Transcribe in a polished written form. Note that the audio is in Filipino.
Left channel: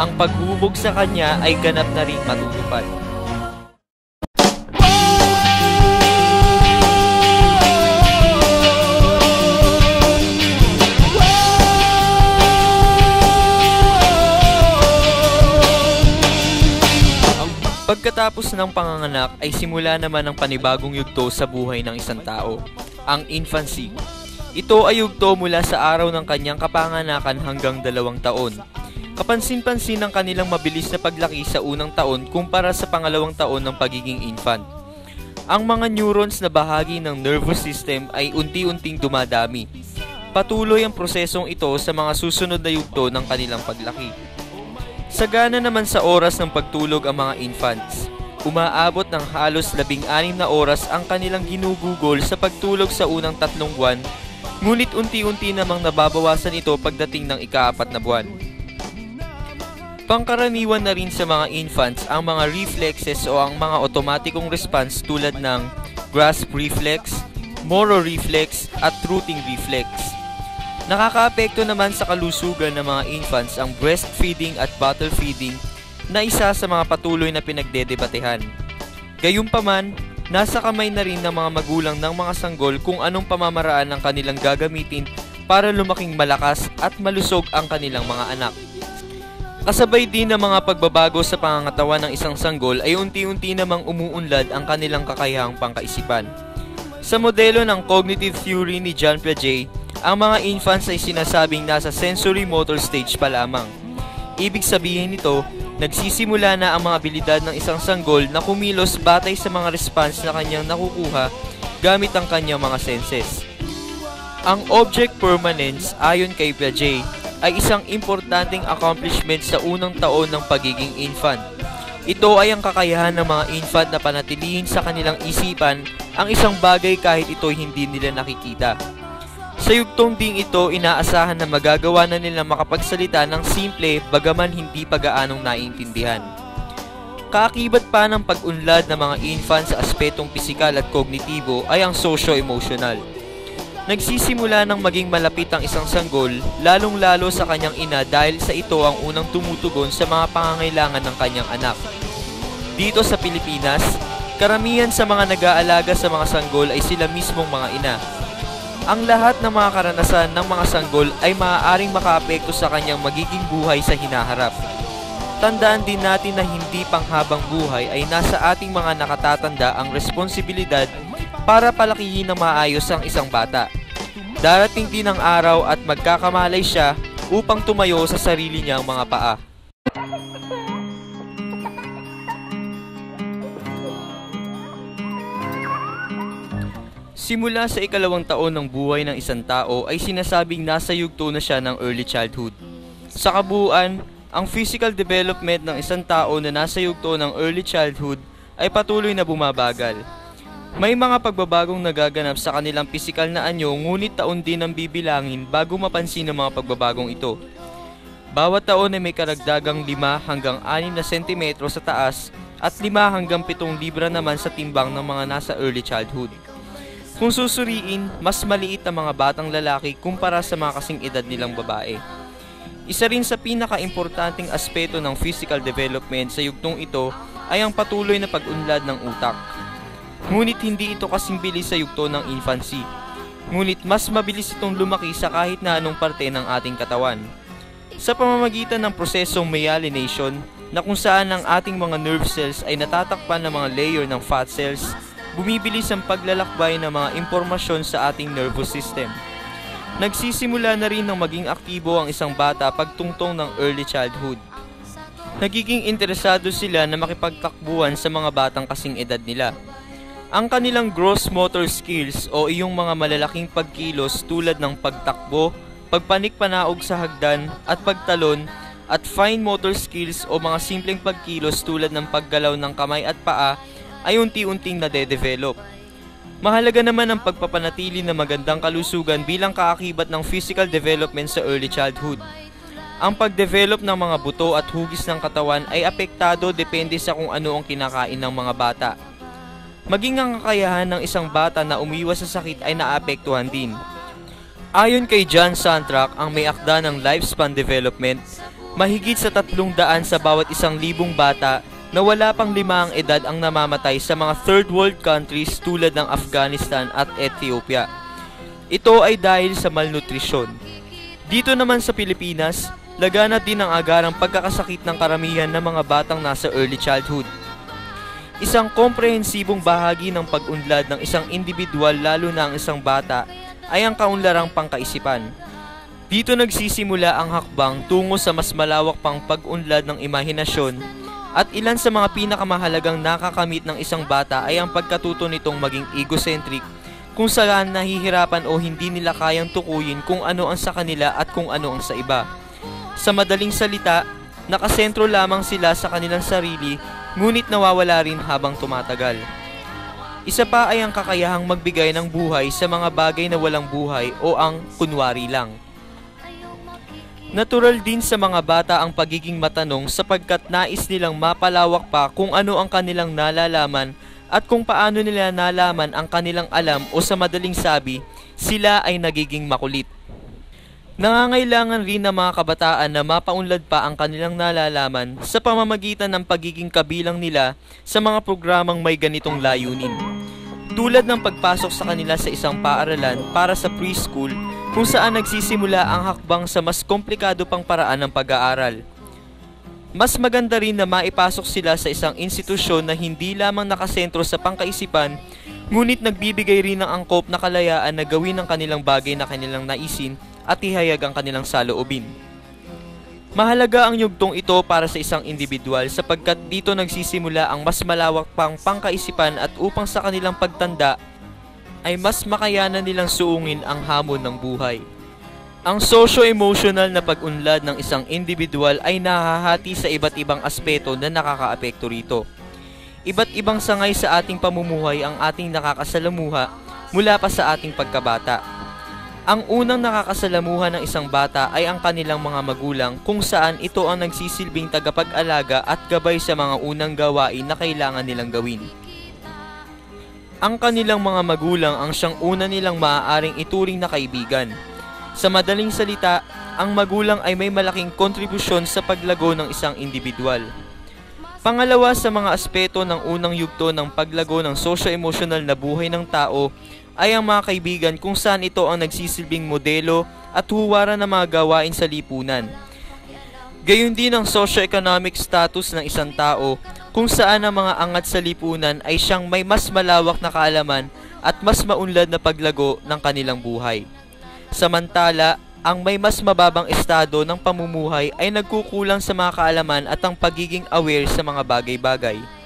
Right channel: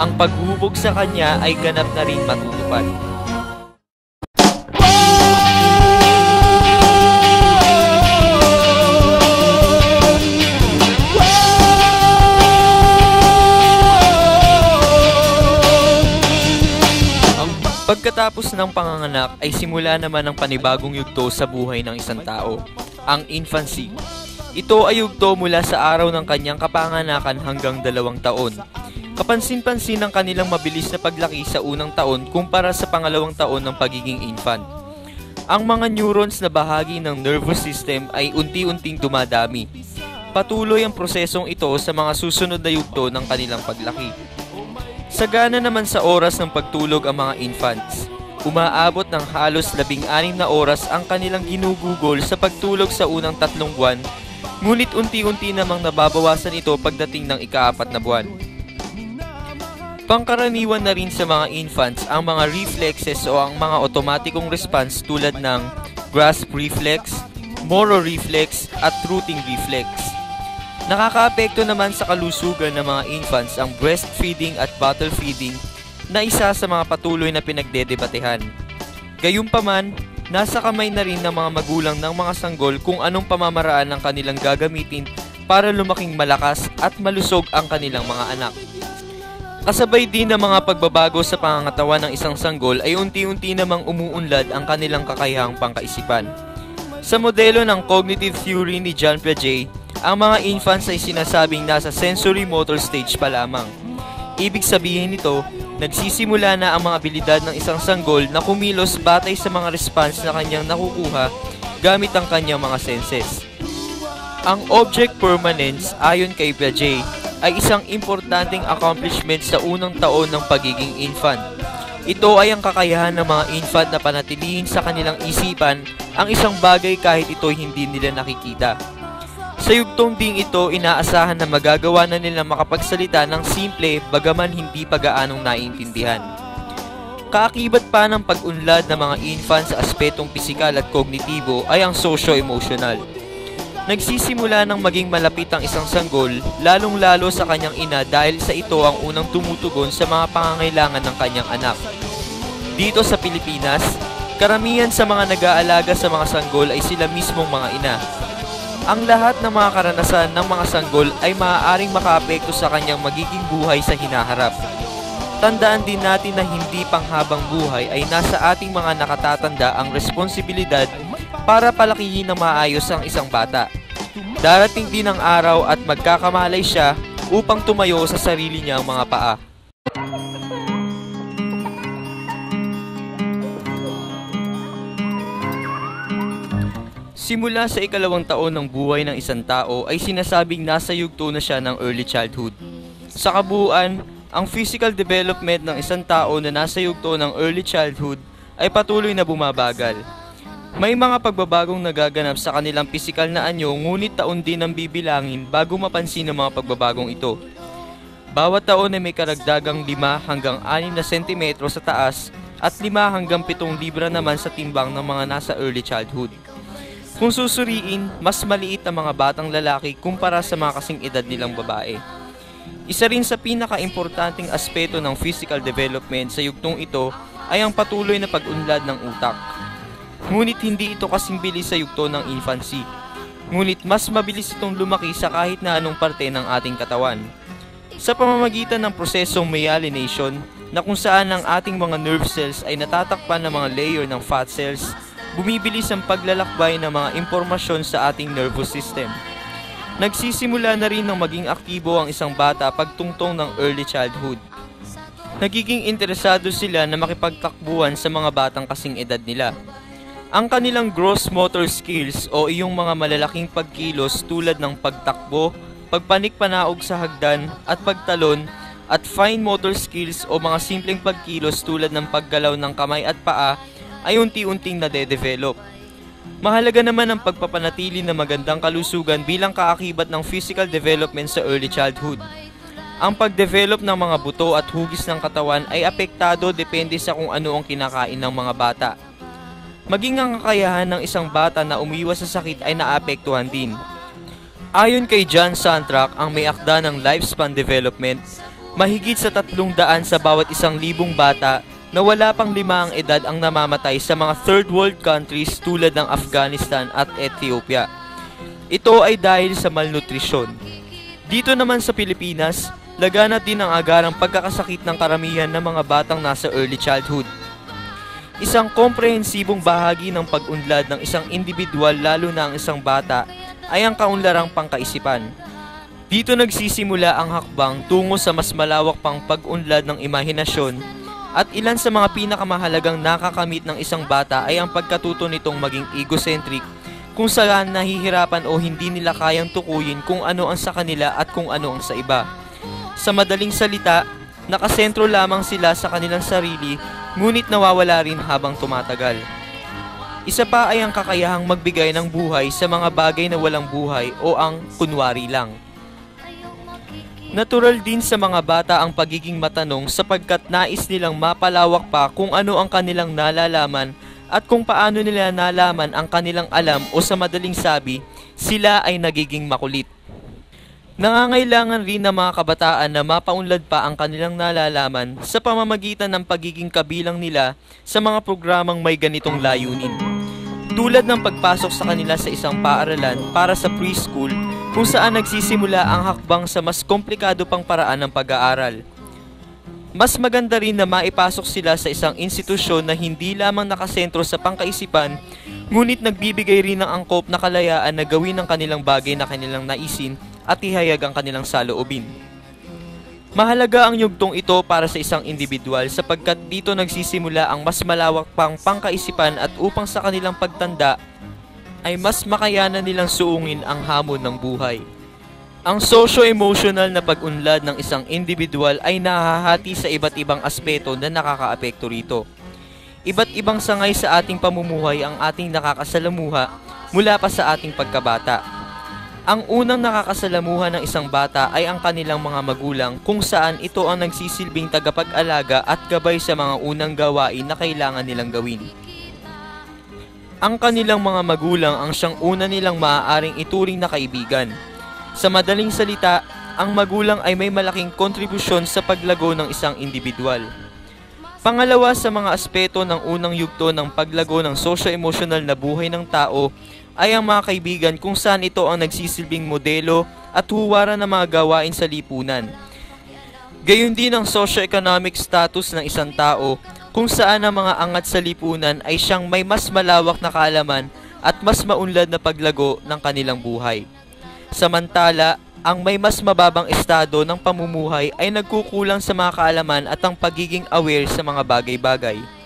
ang paghubog sa kanya ay ganap na rin matutupad. Pagkatapos ng panganganak ay simula naman ang panibagong yugto sa buhay ng isang tao, ang infancy. Ito ay yugto mula sa araw ng kanyang kapanganakan hanggang 2 taon. Kapansin-pansin ang kanilang mabilis na paglaki sa unang taon kumpara sa pangalawang taon ng pagiging infant. Ang mga neurons na bahagi ng nervous system ay unti-unting dumadami. Patuloy ang prosesong ito sa mga susunod na yugto ng kanilang paglaki. Sagana naman sa oras ng pagtulog ang mga infants. Umaabot ng halos 16 na oras ang kanilang ginugugol sa pagtulog sa unang 3 buwan, ngunit unti-unti namang nababawasan ito pagdating ng ika-4 na buwan. Pangkaraniwan na rin sa mga infants ang mga reflexes o ang mga otomatikong response tulad ng grasp reflex, Moro reflex at rooting reflex. Nakakaapekto naman sa kalusugan ng mga infants ang breastfeeding at bottle feeding na isa sa mga patuloy na pinagdedebatehan. Gayunpaman, nasa kamay na rin ng mga magulang ng mga sanggol kung anong pamamaraan ang kanilang gagamitin para lumaking malakas at malusog ang kanilang mga anak. Kasabay din ng mga pagbabago sa pangangatawan ng isang sanggol ay unti-unti namang umuunlad ang kanilang kakayahang pangkaisipan. Sa modelo ng cognitive theory ni John Piaget, ang mga infants ay sinasabing nasa sensory motor stage pa lamang. Ibig sabihin nito, nagsisimula na ang mga abilidad ng isang sanggol na kumilos batay sa mga response na kanyang nakukuha gamit ang kanyang mga senses. Ang object permanence ayon kay Piaget ay isang importanteng accomplishment sa unang taon ng pagiging infant. Ito ay ang kakayahan ng mga infant na panatilihin sa kanilang isipan ang isang bagay kahit ito hindi nila nakikita. Sa yugtong ding ito, inaasahan na magagawa na nila makapagsalita ng simple bagaman hindi pa gaanong naiintindihan. Kaakibat pa ng pag-unlad ng mga infants sa aspetong pisikal at kognitibo ay ang socio-emotional. Nagsisimula ng maging malapit ang isang sanggol, lalong-lalo sa kanyang ina dahil sa ito ang unang tumutugon sa mga pangangailangan ng kanyang anak. Dito sa Pilipinas, karamihan sa mga nag-aalaga sa mga sanggol ay sila mismong mga ina. Ang lahat ng mga karanasan ng mga sanggol ay maaaring makaapekto sa kanyang magiging buhay sa hinaharap. Tandaan din natin na hindi panghabang buhay ay nasa ating mga nakatatanda ang responsibilidad para palakihin ng maayos ang isang bata. Darating din ang araw at magkakamalay siya upang tumayo sa sarili niyang mga paa. Simula sa ika-2 taon ng buhay ng isang tao ay sinasabing nasa yugto na siya ng early childhood. Sa kabuuan, ang physical development ng isang tao na nasa yugto ng early childhood ay patuloy na bumabagal. May mga pagbabagong nagaganap sa kanilang pisikal na anyo ngunit taon din ang bibilangin bago mapansin ang mga pagbabagong ito. Bawat taon ay may karagdagang 5 hanggang 6 na sentimetro sa taas at 5 hanggang 7 libra naman sa timbang ng mga nasa early childhood. Kung susuriin, mas maliit ang mga batang lalaki kumpara sa mga kasing edad nilang babae. Isa rin sa pinaka-importanting aspeto ng physical development sa yugtong ito ay ang patuloy na pag-unlad ng utak. Ngunit hindi ito kasing bilis sa yugto ng infancy. Ngunit mas mabilis itong lumaki sa kahit na anong parte ng ating katawan. Sa pamamagitan ng prosesong myelination na kung saan ang ating mga nerve cells ay natatakpan ng mga layer ng fat cells, bumibilis ang paglalakbay ng mga impormasyon sa ating nervous system. Nagsisimula na rin ng maging aktibo ang isang bata pagtungtong ng early childhood. Nagiging interesado sila na makipagtakbuhan sa mga batang kasing edad nila. Ang kanilang gross motor skills o iyong mga malalaking pagkilos tulad ng pagtakbo, pagpanik-panaog sa hagdan at pagtalon at fine motor skills o mga simpleng pagkilos tulad ng paggalaw ng kamay at paa ay unti-unting nade-develop. Mahalaga naman ang pagpapanatili ng magandang kalusugan bilang kaakibat ng physical development sa early childhood. Ang pagdevelop ng mga buto at hugis ng katawan ay apektado depende sa kung ano ang kinakain ng mga bata. Maging ang kakayahan ng isang bata na umiwas sa sakit ay naapektuhan din. Ayon kay John Santrak, ang may akda ng lifespan development, Mahigit sa 300 sa bawat 1,000 bata na wala pang 5 ang edad ang namamatay sa mga third world countries tulad ng Afghanistan at Ethiopia. Ito ay dahil sa malnutrisyon. Dito naman sa Pilipinas, laganap din ang agarang pagkakasakit ng karamihan ng mga batang nasa early childhood. Isang komprehensibong bahagi ng pag-unlad ng isang individual, lalo na ang isang bata, ay ang kaunlarang pangkaisipan. Dito nagsisimula ang hakbang tungo sa mas malawak pang pag-unlad ng imahinasyon, at ilan sa mga pinakamahalagang nakakamit ng isang bata ay ang pagkatuto nitong maging egocentric, kung saan nahihirapan o hindi nila kayang tukuyin kung ano ang sa kanila at kung ano ang sa iba. Sa madaling salita, nakasentro lamang sila sa kanilang sarili, ngunit nawawala rin habang tumatagal. Isa pa ay ang kakayahang magbigay ng buhay sa mga bagay na walang buhay o ang kunwari lang. Natural din sa mga bata ang pagiging matanong sapagkat nais nilang mapalawak pa kung ano ang kanilang nalalaman at kung paano nila nalaman ang kanilang alam, o sa madaling sabi, sila ay nagiging makulit. Nangangailangan rin ng mga kabataan na mapaunlad pa ang kanilang nalalaman sa pamamagitan ng pagiging kabilang nila sa mga programang may ganitong layunin. Tulad ng pagpasok sa kanila sa isang paaralan para sa preschool, kung saan nagsisimula ang hakbang sa mas komplikado pang paraan ng pag-aaral. Mas maganda rin na maipasok sila sa isang institusyon na hindi lamang nakasentro sa pangkaisipan, ngunit nagbibigay rin ng angkop na kalayaan na gawin ang kanilang bagay na kanilang naisin at ihayag ang kanilang saloobin. Mahalaga ang yugtong ito para sa isang individual sapagkat dito nagsisimula ang mas malawak pang pangkaisipan, at upang sa kanilang pagtanda ay mas makayanan nilang suungin ang hamon ng buhay. Ang socio-emotional na pag-unlad ng isang individual ay nahahati sa iba't ibang aspeto na nakakaapekto rito. Iba't ibang sangay sa ating pamumuhay ang ating nakakasalamuha mula pa sa ating pagkabata. Ang unang nakakasalamuha ng isang bata ay ang kanilang mga magulang, kung saan ito ang nagsisilbing tagapag-alaga at gabay sa mga unang gawain na kailangan nilang gawin. Ang kanilang mga magulang ang siyang una nilang maaaring ituring na kaibigan. Sa madaling salita, ang magulang ay may malaking kontribusyon sa paglago ng isang individual. Pangalawa sa mga aspeto ng unang yugto ng paglago ng socio-emotional na buhay ng tao ay ang mga kaibigan, kung saan ito ang nagsisilbing modelo at huwaran ng mga gawain sa lipunan. Gayon din ang socio-economic status ng isang tao, kung saan ang mga angat sa lipunan ay siyang may mas malawak na kaalaman at mas maunlad na paglago ng kanilang buhay. Samantala, ang may mas mababang estado ng pamumuhay ay nagkukulang sa mga kaalaman at ang pagiging aware sa mga bagay-bagay.